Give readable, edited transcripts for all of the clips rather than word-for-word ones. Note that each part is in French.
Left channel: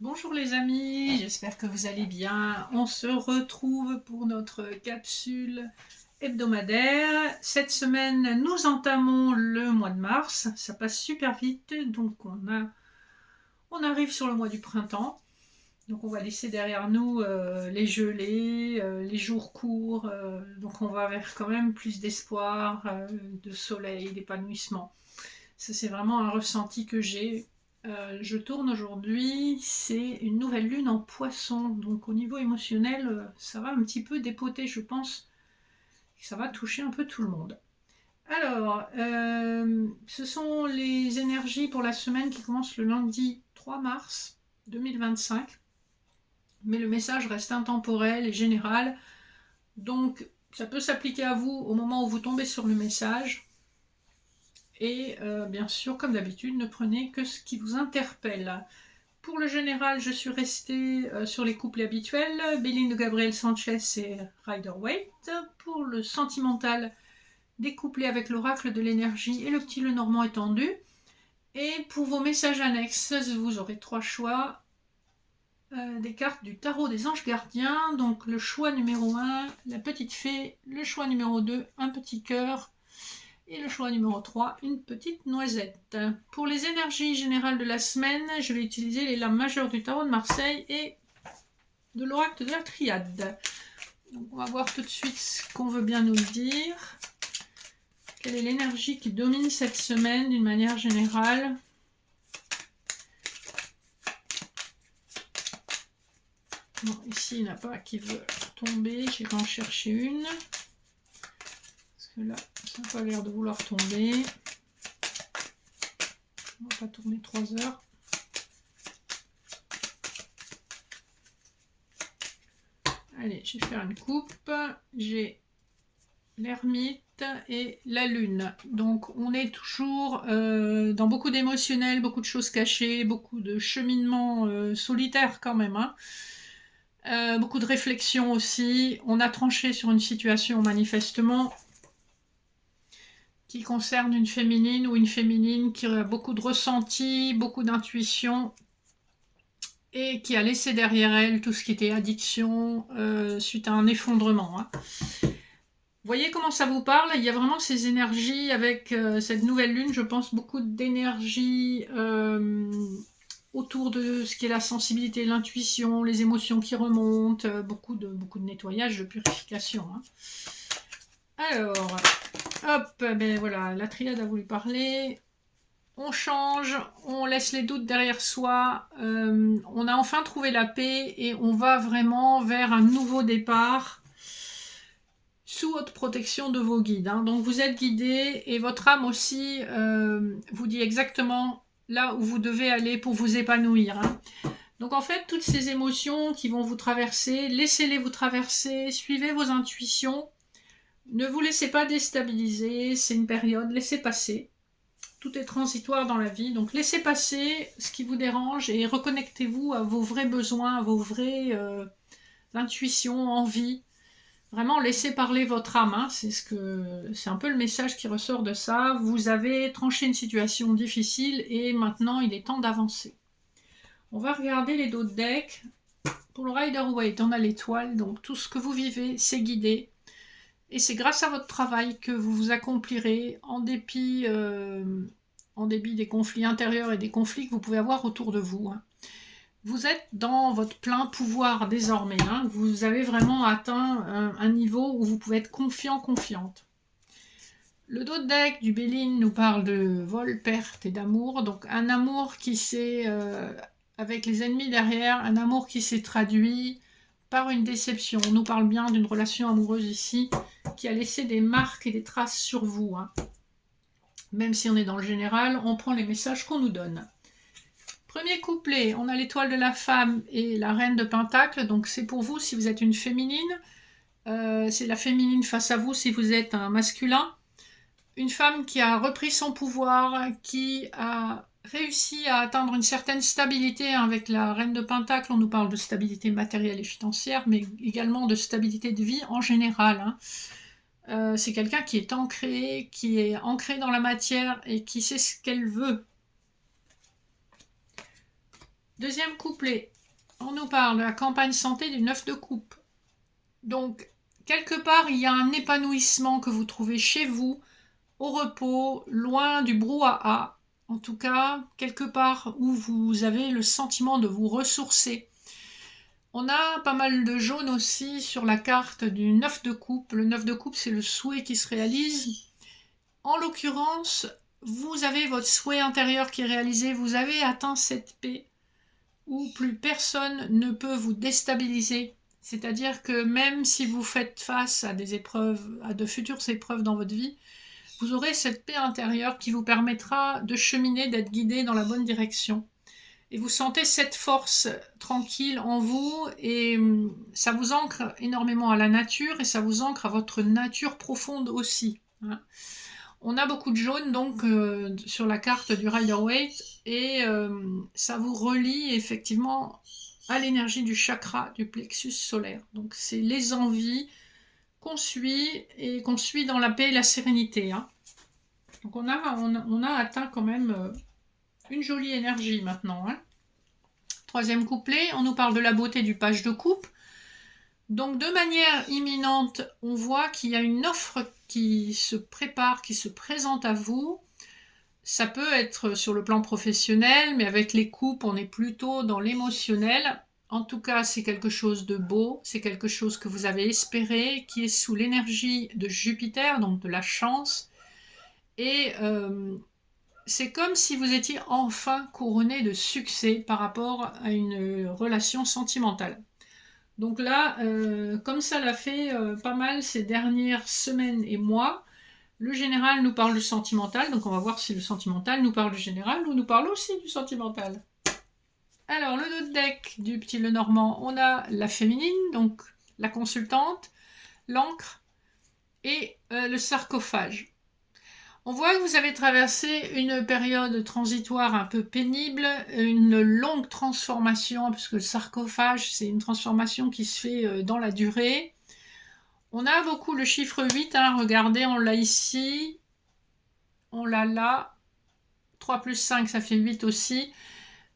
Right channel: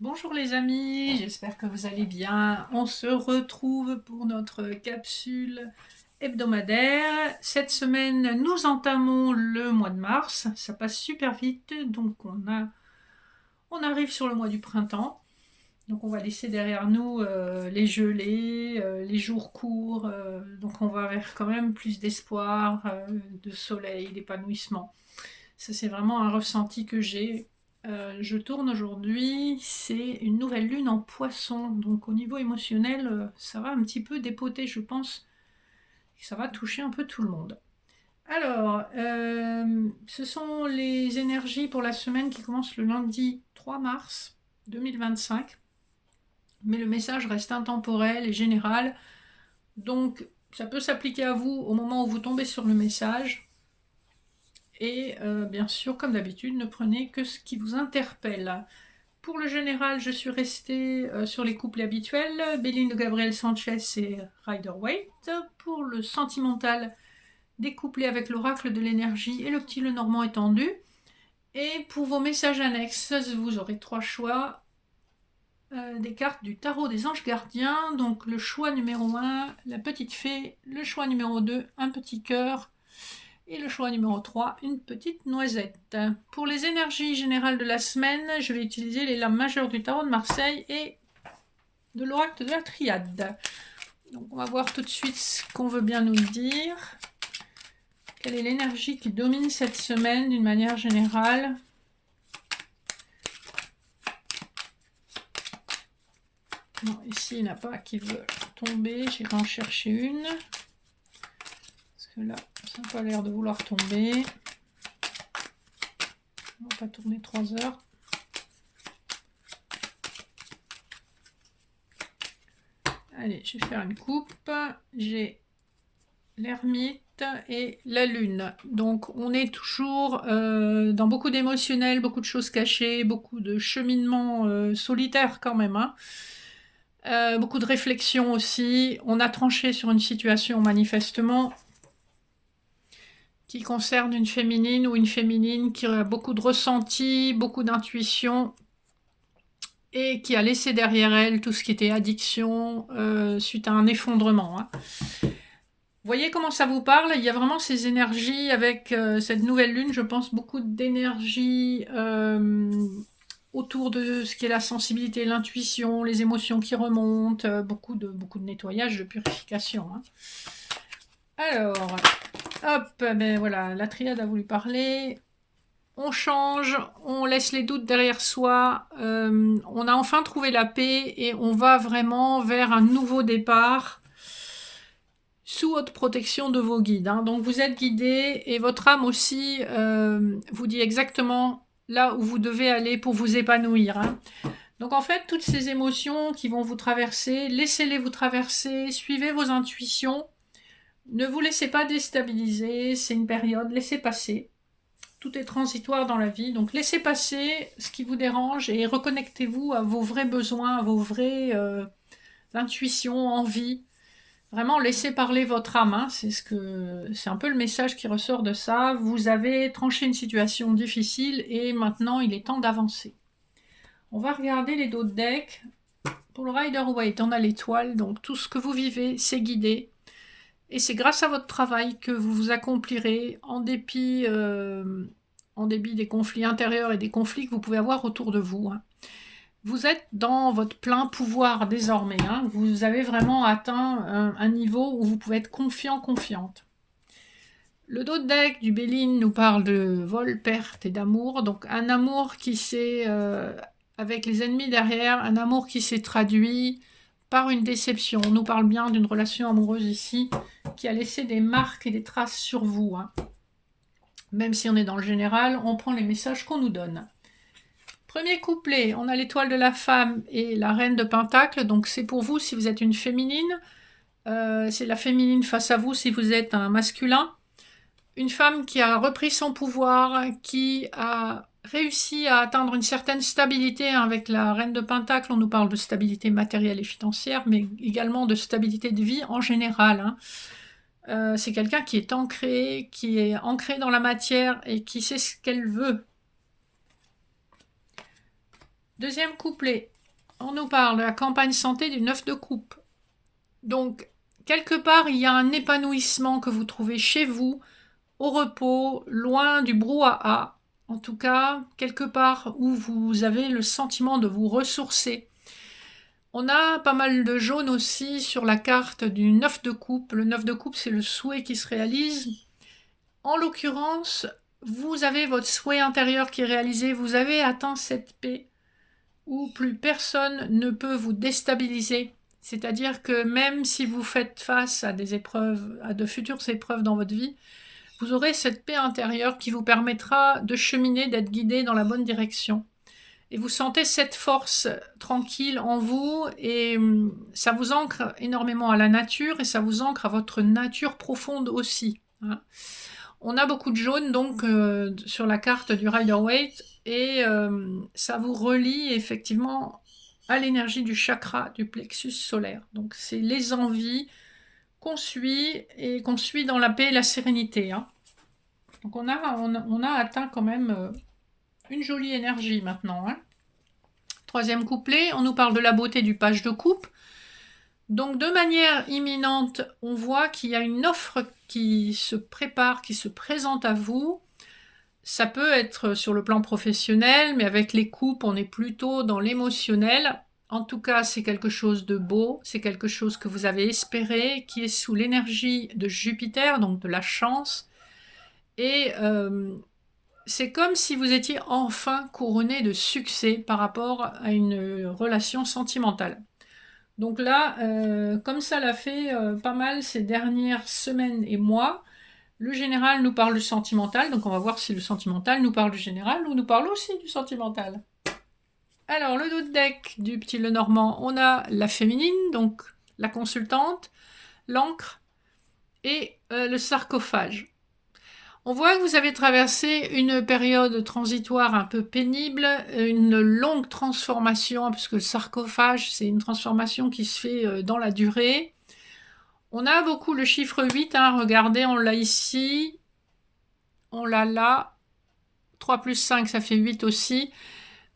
Bonjour les amis, j'espère que vous allez bien. On se retrouve pour notre capsule hebdomadaire. Cette semaine, nous entamons le mois de mars. Ça passe super vite, donc on arrive sur le mois du printemps. Donc on va laisser derrière nous les gelées, les jours courts. Donc on va vers quand même plus d'espoir, de soleil, d'épanouissement. Ça, c'est vraiment un ressenti que j'ai. Je tourne aujourd'hui, c'est une nouvelle lune en poisson. Donc au niveau émotionnel, ça va un petit peu dépoter, je pense. Ça va toucher un peu tout le monde. Alors, ce sont les énergies pour la semaine qui commence le lundi 3 mars 2025. Mais le message reste intemporel et général. Donc, ça peut s'appliquer à vous au moment où vous tombez sur le message. Et bien sûr, comme d'habitude, ne prenez que ce qui vous interpelle. Pour le général, je suis restée sur les couplets habituels, Béline de Gabriel Sanchez et Rider-Waite. Pour le sentimental, des couplets avec l'oracle de l'énergie et le petit le normand étendu. Et pour vos messages annexes, vous aurez trois choix des cartes du tarot des anges gardiens. Donc le choix numéro 1, la petite fée. Le choix numéro 2, un petit cœur. Et le choix numéro 3, une petite noisette. Pour les énergies générales de la semaine, je vais utiliser les lames majeures du tarot de Marseille et de l'oracle de la triade. Donc on va voir tout de suite ce qu'on veut bien nous dire. Quelle est l'énergie qui domine cette semaine d'une manière générale? Non, ici il n'y en a pas qui veut tomber, j'irai en chercher une. Parce que là, ça n'a pas l'air de vouloir tomber. On va pas tourner 3 heures. Allez, je vais faire une coupe. J'ai l'ermite et la lune. Donc on est toujours dans beaucoup d'émotionnel, beaucoup de choses cachées, beaucoup de cheminement solitaire quand même. Beaucoup de réflexion aussi. On a tranché sur une situation manifestement qui concerne une féminine ou une féminine qui a beaucoup de ressenti, beaucoup d'intuition et qui a laissé derrière elle tout ce qui était addiction suite à un effondrement. Vous voyez comment ça vous parle? Il y a vraiment ces énergies avec cette nouvelle lune, je pense beaucoup d'énergie autour de ce qui est la sensibilité, l'intuition, les émotions qui remontent, beaucoup de nettoyage, de purification. Alors, hop, ben voilà, la triade a voulu parler. On change, on laisse les doutes derrière soi, on a enfin trouvé la paix et on va vraiment vers un nouveau départ sous haute protection de vos guides. Donc vous êtes guidé et votre âme aussi vous dit exactement là où vous devez aller pour vous épanouir. Donc en fait, toutes ces émotions qui vont vous traverser, laissez-les vous traverser, suivez vos intuitions, ne vous laissez pas déstabiliser, c'est une période, laissez passer. Tout est transitoire dans la vie, donc laissez passer ce qui vous dérange et reconnectez-vous à vos vrais besoins, à vos vraies intuitions, envies. Vraiment, laissez parler votre âme. C'est un peu le message qui ressort de ça. Vous avez tranché une situation difficile et maintenant il est temps d'avancer. On va regarder les dos de deck. Pour le Rider-Waite, on a l'étoile, donc tout ce que vous vivez, c'est guidé. Et c'est grâce à votre travail que vous vous accomplirez en dépit des conflits intérieurs et des conflits que vous pouvez avoir autour de vous. Vous êtes dans votre plein pouvoir désormais. Vous avez vraiment atteint un niveau où vous pouvez être confiant, confiante. Le dos de deck du Béline nous parle de vol, perte et d'amour. Donc un amour qui s'est, avec les ennemis derrière, un amour qui s'est traduit par une déception. On nous parle bien d'une relation amoureuse ici qui a laissé des marques et des traces sur vous. Même si on est dans le général, on prend les messages qu'on nous donne. Premier couplet, on a l'étoile de la femme et la reine de Pentacle. Donc c'est pour vous si vous êtes une féminine. C'est la féminine face à vous si vous êtes un masculin. Une femme qui a repris son pouvoir, qui a réussi à atteindre une certaine stabilité. Avec la reine de Pentacle, on nous parle de stabilité matérielle et financière, mais également de stabilité de vie en général. C'est quelqu'un qui est ancré dans la matière et qui sait ce qu'elle veut. Deuxième couplet, on nous parle de la campagne santé du 9 de coupe. Donc, quelque part, il y a un épanouissement que vous trouvez chez vous, au repos, loin du brouhaha. En tout cas, quelque part où vous avez le sentiment de vous ressourcer. On a pas mal de jaune aussi sur la carte du 9 de coupe. Le 9 de coupe, c'est le souhait qui se réalise. En l'occurrence, vous avez votre souhait intérieur qui est réalisé. Vous avez atteint cette paix où plus personne ne peut vous déstabiliser. C'est-à-dire que même si vous faites face à des épreuves, à de futures épreuves dans votre vie, vous aurez cette paix intérieure qui vous permettra de cheminer, d'être guidé dans la bonne direction. Et vous sentez cette force tranquille en vous et ça vous ancre énormément à la nature et ça vous ancre à votre nature profonde aussi. Hein. On a beaucoup de jaune donc sur la carte du Rider-Waite et ça vous relie effectivement à l'énergie du chakra du plexus solaire. Donc c'est les envies qu'on suit et qu'on suit dans la paix et la sérénité. Hein. Donc on a atteint quand même une jolie énergie maintenant. Hein. Troisième couplet, on nous parle de la beauté du page de coupe. Donc de manière imminente, on voit qu'il y a une offre qui se prépare, qui se présente à vous. Ça peut être sur le plan professionnel, mais avec les coupes, on est plutôt dans l'émotionnel. En tout cas, c'est quelque chose de beau, c'est quelque chose que vous avez espéré, qui est sous l'énergie de Jupiter, donc de la chance. Et c'est comme si vous étiez enfin couronné de succès par rapport à une relation sentimentale. Donc là, comme ça l'a fait pas mal ces dernières semaines et mois, le général nous parle du sentimental, donc on va voir si le sentimental nous parle du général ou nous parle aussi du sentimental. Alors, le dos de deck du petit Lenormand, on a la féminine, donc la consultante, l'encre et le sarcophage. On voit que vous avez traversé une période transitoire un peu pénible, une longue transformation, puisque le sarcophage, c'est une transformation qui se fait dans la durée. On a beaucoup le chiffre 8, hein, regardez, on l'a ici, on l'a là, 3 plus 5, ça fait 8 aussi.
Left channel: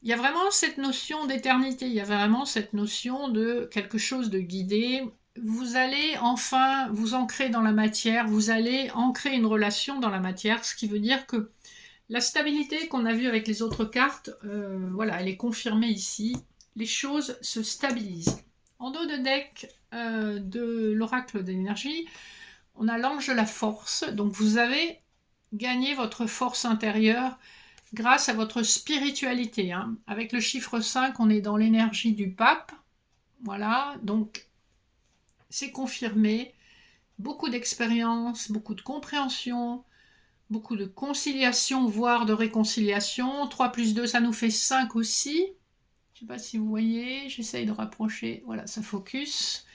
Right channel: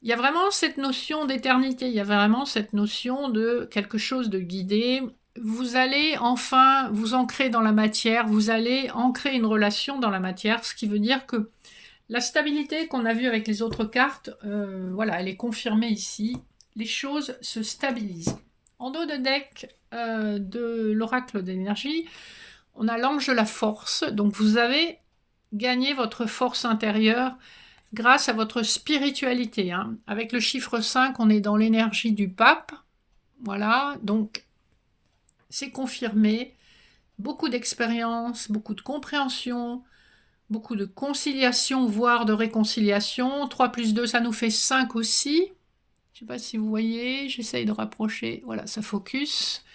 Il y a vraiment cette notion d'éternité, il y a vraiment cette notion de quelque chose de guidé. Vous allez enfin vous ancrer dans la matière, vous allez ancrer une relation dans la matière, ce qui veut dire que la stabilité qu'on a vue avec les autres cartes, voilà, elle est confirmée ici. Les choses se stabilisent. En dos de deck de l'oracle d'énergie, on a l'ange de la force. Donc vous avez gagné votre force intérieure grâce à votre spiritualité. Hein. Avec le chiffre 5, on est dans l'énergie du pape. Voilà, donc c'est confirmé. Beaucoup d'expérience, beaucoup de compréhension, beaucoup de conciliation, voire de réconciliation. 3 plus 2, ça nous fait 5 aussi. Je ne sais pas si vous voyez, j'essaye de rapprocher. Voilà, ça focus.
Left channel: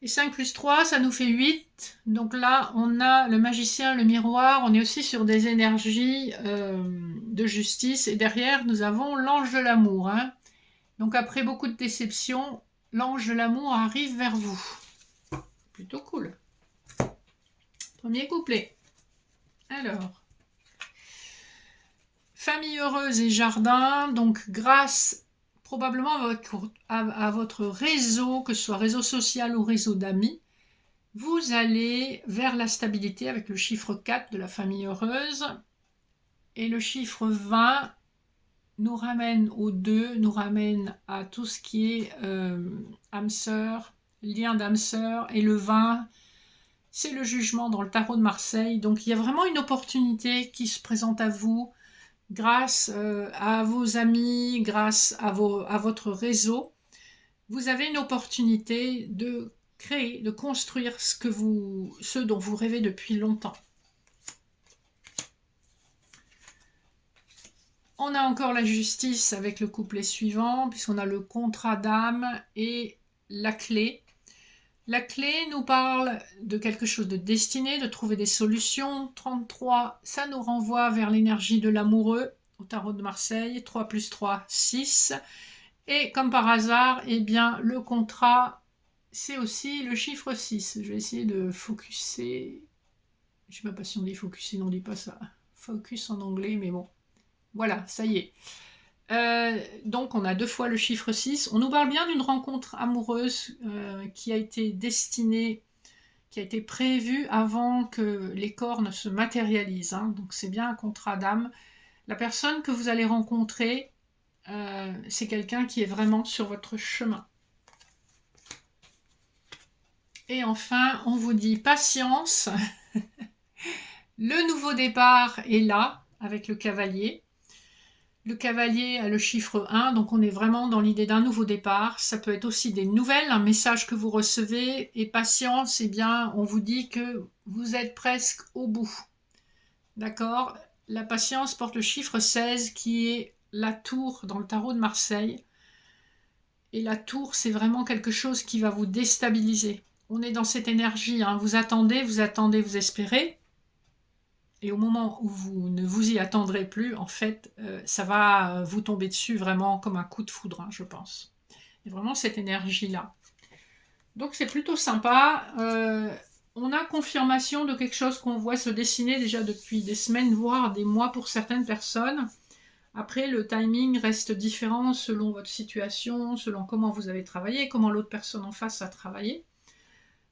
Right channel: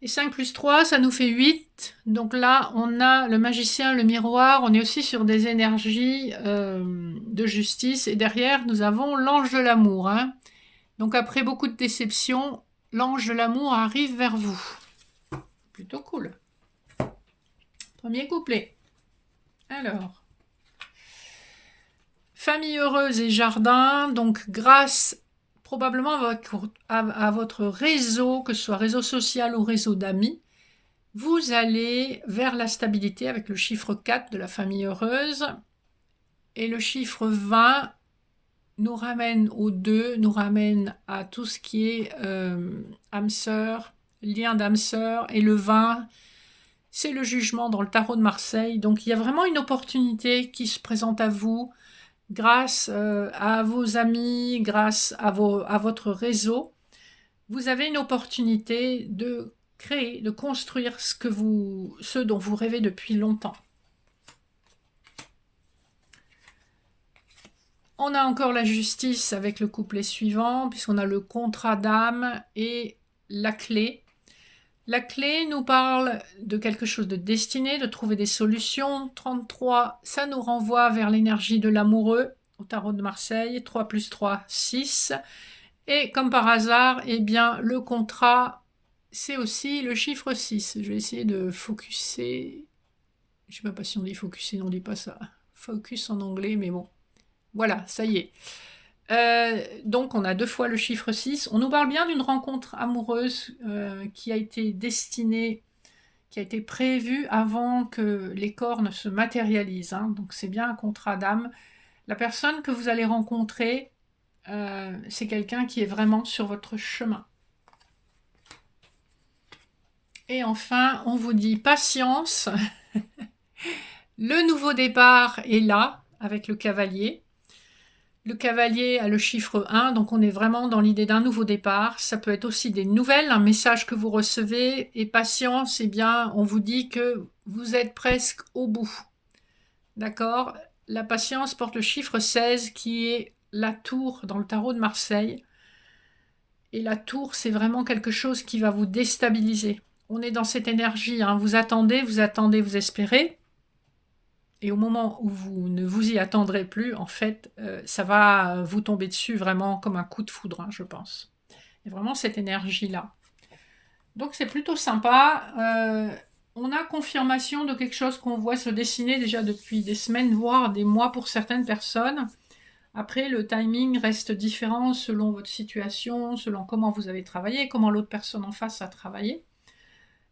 Et 5 plus 3, ça nous fait 8. Donc là, on a le magicien, le miroir. On est aussi sur des énergies de justice. Et derrière, nous avons l'ange de l'amour. Hein. Donc après beaucoup de déceptions, l'ange de l'amour arrive vers vous. Plutôt cool. Premier couplet. Alors, famille heureuse et jardin. Donc grâce probablement à votre réseau, que ce soit réseau social ou réseau d'amis, vous allez vers la stabilité avec le chiffre 4 de la famille heureuse. Et le chiffre 20 nous ramène au 2, nous ramène à tout ce qui est âme sœur, lien d'âme sœur. Et le 20, c'est le jugement dans le tarot de Marseille. Donc il y a vraiment une opportunité qui se présente à vous grâce à vos amis, grâce à votre réseau. Vous avez une opportunité de créer, de construire ce dont vous rêvez depuis longtemps. On a encore la justice avec le couplet suivant, puisqu'on a le contrat d'âme et la clé. La clé nous parle de quelque chose de destiné, de trouver des solutions. 33, ça nous renvoie vers l'énergie de l'amoureux, au tarot de Marseille. 3 plus 3, 6. Et comme par hasard, eh bien, le contrat, c'est aussi le chiffre 6. Je vais essayer de focuser. Je ne sais pas si on dit focuser, on ne dit pas ça. Focus en anglais, mais bon. Voilà, ça y est. Donc on a 2 fois le chiffre 6. On nous parle bien d'une rencontre amoureuse qui a été destinée, qui a été prévue avant que les corps ne se matérialisent, hein. Donc c'est bien un contrat d'âme. La personne que vous allez rencontrer, c'est quelqu'un qui est vraiment sur votre chemin. Et enfin, on vous dit patience. Le nouveau départ est là avec le cavalier. Le cavalier a le chiffre 1, donc on est vraiment dans l'idée d'un nouveau départ. Ça peut être aussi des nouvelles, un message que vous recevez. Et patience, eh bien, on vous dit que vous êtes presque au bout. D'accord? La patience porte le chiffre 16 qui est la tour dans le tarot de Marseille. Et la tour, c'est vraiment quelque chose qui va vous déstabiliser. On est dans cette énergie, hein. Vous attendez, vous espérez. Et au moment où vous ne vous y attendrez plus, en fait, ça va vous tomber dessus vraiment comme un coup de foudre, hein, je pense. Il y a vraiment cette énergie-là. Donc c'est plutôt sympa. On a confirmation de quelque chose qu'on voit se dessiner déjà depuis des semaines, voire des mois pour certaines personnes. Après, le timing reste différent selon votre situation, selon comment vous avez travaillé, comment l'autre personne en face a travaillé.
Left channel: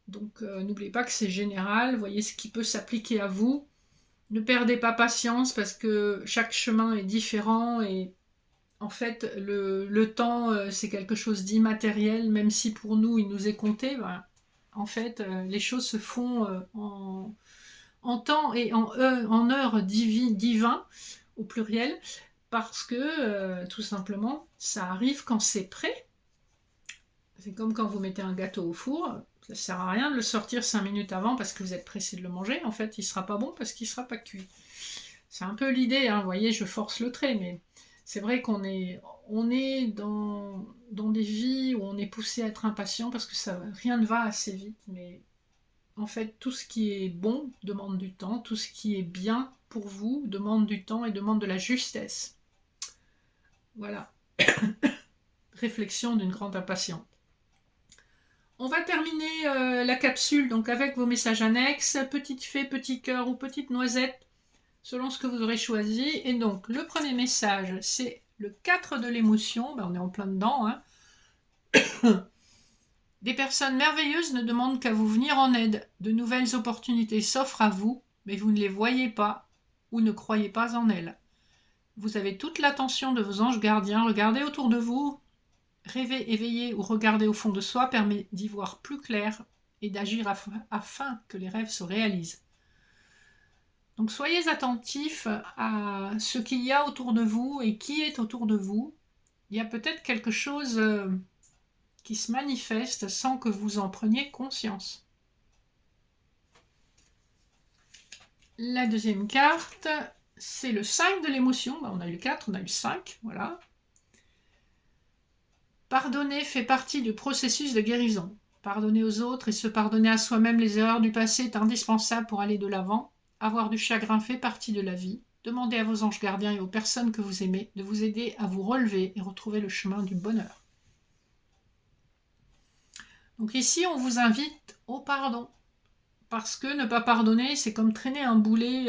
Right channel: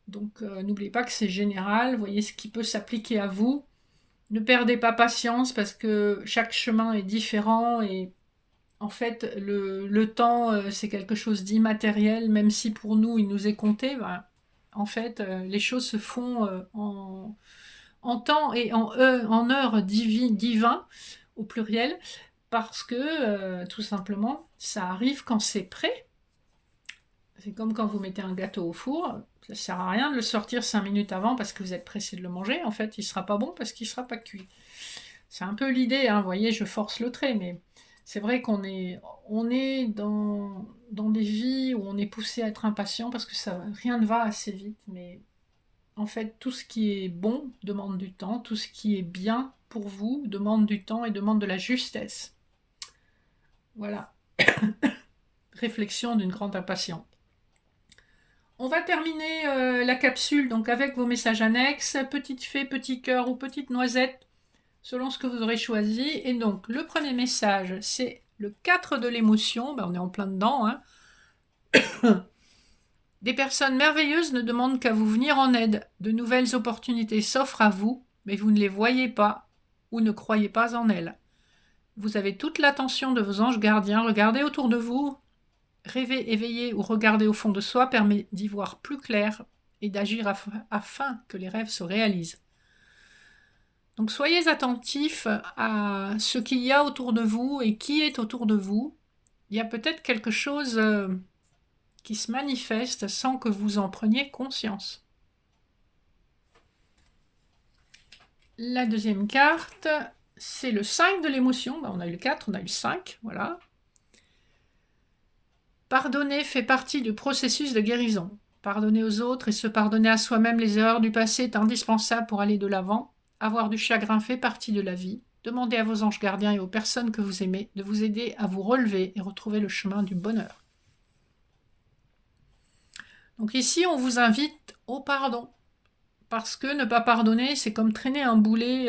Donc n'oubliez pas que c'est général, voyez ce qui peut s'appliquer à vous. Ne perdez pas patience parce que chaque chemin est différent et en fait le temps c'est quelque chose d'immatériel, même si pour nous il nous est compté, ben, en fait les choses se font en temps et en heures divin au pluriel parce que tout simplement ça arrive quand c'est prêt. C'est comme quand vous mettez un gâteau au four, ça ne sert à rien de le sortir 5 minutes avant parce que vous êtes pressé de le manger. En fait, il ne sera pas bon parce qu'il ne sera pas cuit. C'est un peu l'idée, hein. Vous voyez, je force le trait, mais c'est vrai on est dans des vies où on est poussé à être impatient parce que rien ne va assez vite. Mais en fait, tout ce qui est bon demande du temps, tout ce qui est bien pour vous demande du temps et demande de la justesse. Voilà, réflexion d'une grande impatience. On va terminer la capsule donc avec vos messages annexes, petite fée, petit cœur ou petite noisette, selon ce que vous aurez choisi. Et donc, le premier message, c'est le 4 de l'émotion. Ben, on est en plein dedans, hein. Des personnes merveilleuses ne demandent qu'à vous venir en aide. De nouvelles opportunités s'offrent à vous, mais vous ne les voyez pas ou ne croyez pas en elles. Vous avez toute l'attention de vos anges gardiens. Regardez autour de vous. Rêver éveillé ou regarder au fond de soi permet d'y voir plus clair et d'agir afin que les rêves se réalisent. Donc soyez attentifs à ce qu'il y a autour de vous et qui est autour de vous. Il y a peut-être quelque chose qui se manifeste sans que vous en preniez conscience. La deuxième carte, c'est le 5 de l'émotion. On a eu le 4, on a eu le 5, voilà. Pardonner fait partie du processus de guérison. Pardonner aux autres et se pardonner à soi-même les erreurs du passé est indispensable pour aller de l'avant. Avoir du chagrin fait partie de la vie. Demandez à vos anges gardiens et aux personnes que vous aimez de vous aider à vous relever et retrouver le chemin du bonheur. Donc ici, on vous invite au pardon. Parce que ne pas pardonner, c'est comme traîner un boulet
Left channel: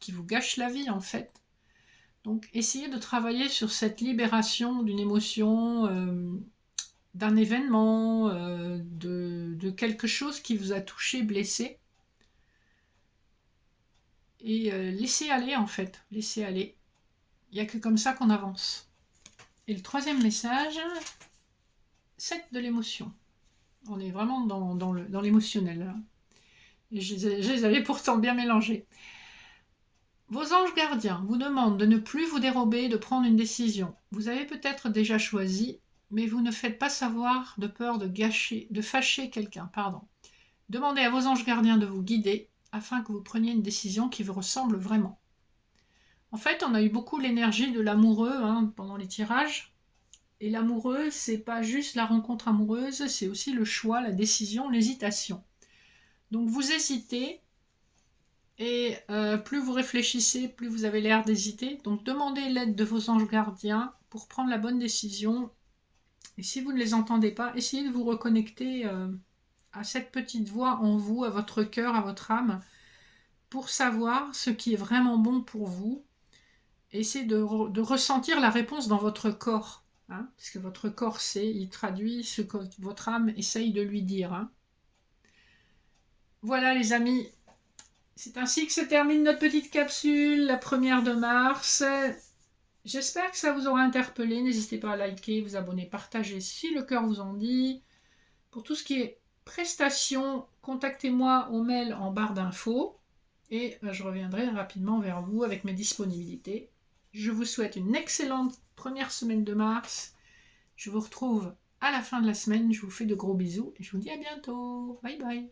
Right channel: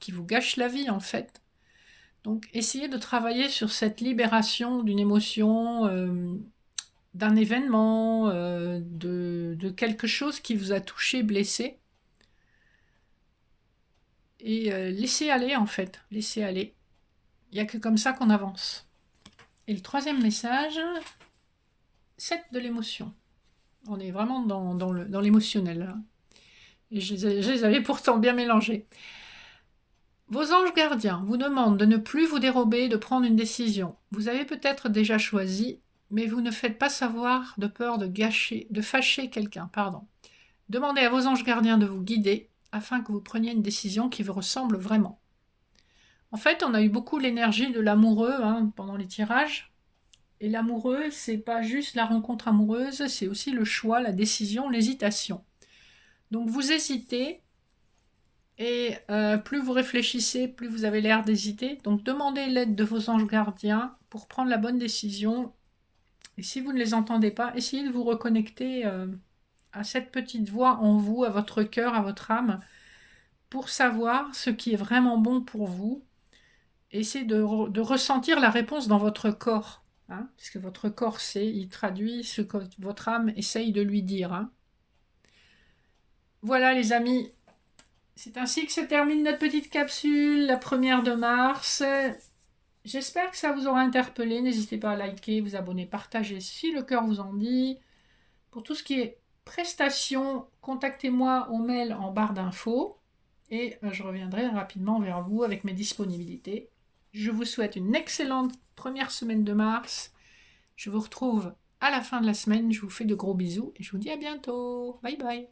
qui vous gâche la vie en fait. Donc essayez de travailler sur cette libération d'une émotion, d'un événement, de quelque chose qui vous a touché, blessé. Et laissez aller en fait, laissez aller. Il n'y a que comme ça qu'on avance. Et le troisième message, 7 de l'émotion. On est vraiment dans l'émotionnel. Je les avais pourtant bien mélangés. Vos anges gardiens vous demandent de ne plus vous dérober, de prendre une décision. Vous avez peut-être déjà choisi, mais vous ne faites pas savoir de peur de fâcher quelqu'un. Demandez à vos anges gardiens de vous guider afin que vous preniez une décision qui vous ressemble vraiment. En fait, on a eu beaucoup l'énergie de l'amoureux pendant les tirages. Et l'amoureux, c'est pas juste la rencontre amoureuse, c'est aussi le choix, la décision, l'hésitation. Donc vous hésitez, et plus vous réfléchissez, plus vous avez l'air d'hésiter. Donc demandez l'aide de vos anges gardiens pour prendre la bonne décision. Et si vous ne les entendez pas, essayez de vous reconnecter à cette petite voix en vous, à votre cœur, à votre âme, pour savoir ce qui est vraiment bon pour vous essayez de ressentir la réponse dans votre corps. Hein, parce que votre corps sait, il traduit ce que votre âme essaye de lui dire. Hein. Voilà les amis, c'est ainsi que se termine notre petite capsule, la première de mars. J'espère que ça vous aura interpellé. N'hésitez pas à liker, vous abonner, partager si le cœur vous en dit. Pour tout ce qui est prestations, contactez-moi au mail en barre d'infos et je reviendrai rapidement vers vous avec mes disponibilités. Je vous souhaite une excellente première semaine de mars. Je vous retrouve à la fin de la semaine. Je vous fais de gros bisous et je vous dis à bientôt. Bye bye.